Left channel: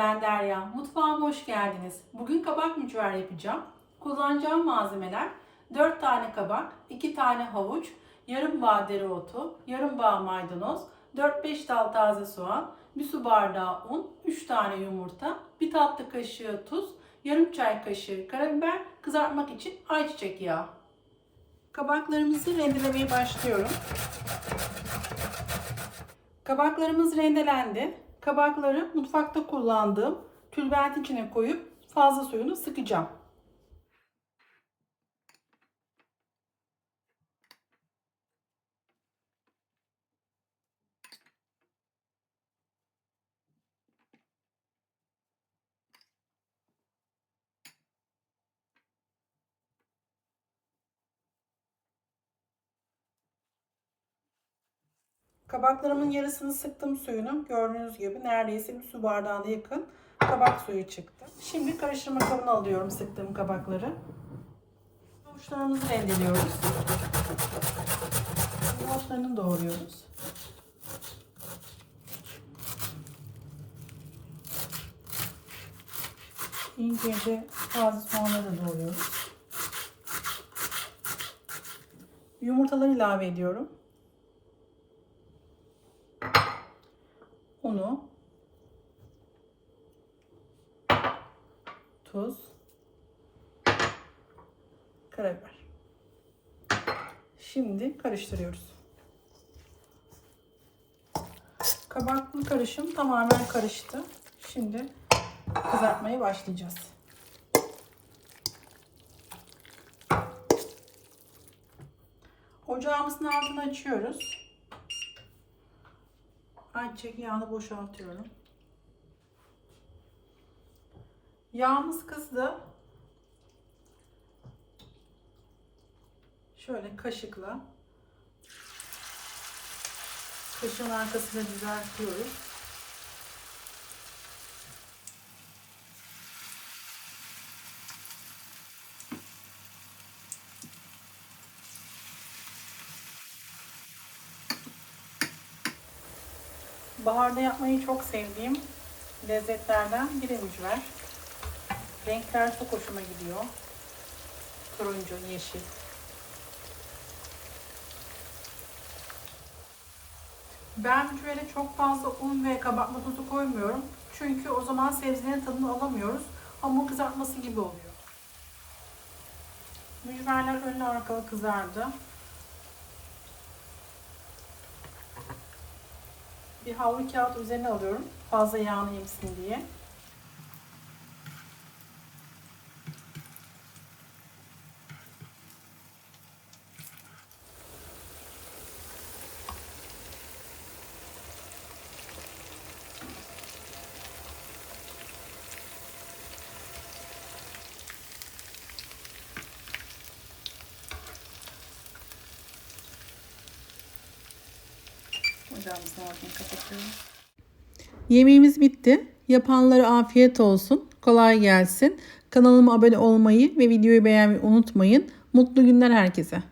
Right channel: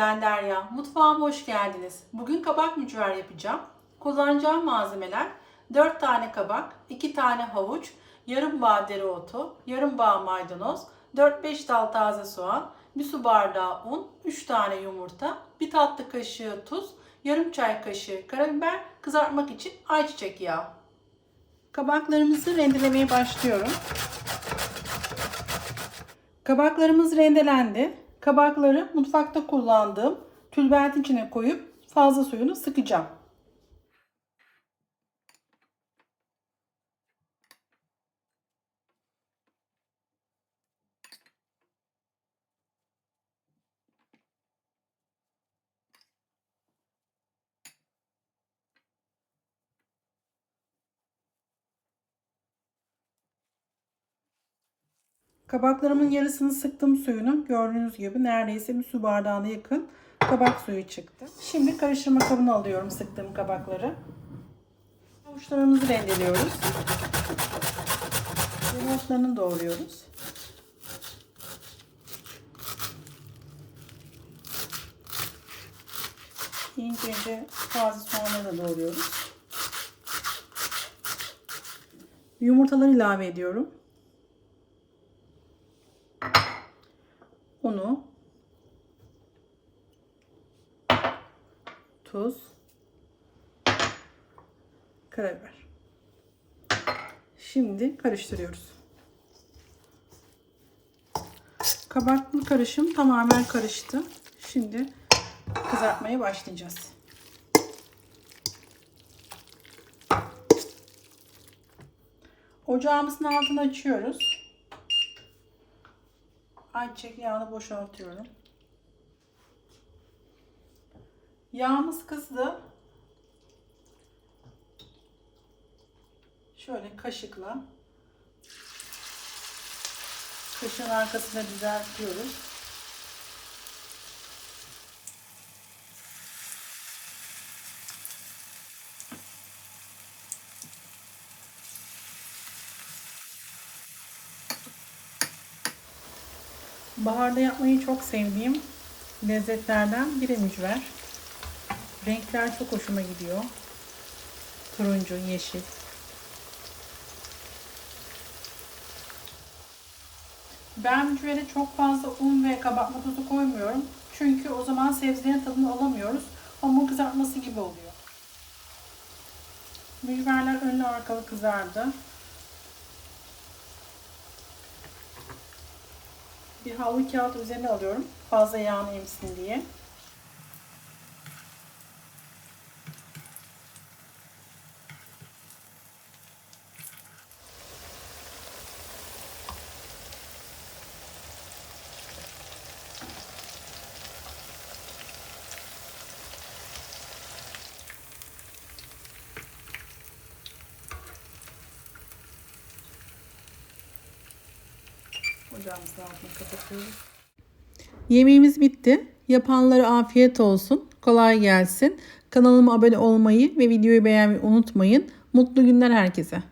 Derya. Mutfağıma hoş geldiniz. Bugün kabak mücver yapacağım. Kullanacağım malzemeler 4 tane kabak, 2 tane havuç, yarım bağ dereotu, yarım bağ maydanoz, 4-5 dal taze soğan, 1 su bardağı un, 3 tane yumurta, 1 tatlı kaşığı tuz, yarım çay kaşığı karabiber, kızartmak için ayçiçek yağı. Kabaklarımızı rendelemeye başlıyorum. Kabaklarımız rendelendi. Kabakları mutfakta kullandığım tülbentin içine koyup fazla suyunu sıkacağım. Kabaklarımın yarısını sıktım suyunu. Gördüğünüz gibi neredeyse bir su bardağına yakın kabak suyu çıktı. Şimdi karıştırma kabına alıyorum sıktığım kabakları. Havuçlarımızı rendeliyoruz. Yumurtalarını doğruyoruz. İnce ince taze soğanları doğruyoruz. Yumurtaları ilave ediyorum. Tuz, karabiber. Şimdi karıştırıyoruz. Kabaklı karışım tamamen karıştı. Şimdi kızartmaya başlayacağız. Ocağımızın altını açıyoruz. Ayçiçek yağını boşaltıyorum. Yağımız kızdı. Şöyle kaşıkla kaşığın arkasına düzeltiyoruz. Baharda yapmayı çok sevdiğim lezzetlerden biri mücver. Renkler çok hoşuma gidiyor. Turuncu, yeşil. Ben mücvere çok fazla un ve kabartma tozu koymuyorum. Çünkü o zaman sebzelerin tadını alamıyoruz. Hamur kızartması gibi oluyor. Mücverler önlü arkalı kızardı. Bir havlu kağıt üzerine alıyorum. Fazla yağını emsin diye. Ocağımızın. Yemeğimiz bitti. Yapanlara afiyet olsun. Kolay gelsin. Kanalıma abone olmayı ve videoyu beğenmeyi unutmayın. Mutlu günler herkese.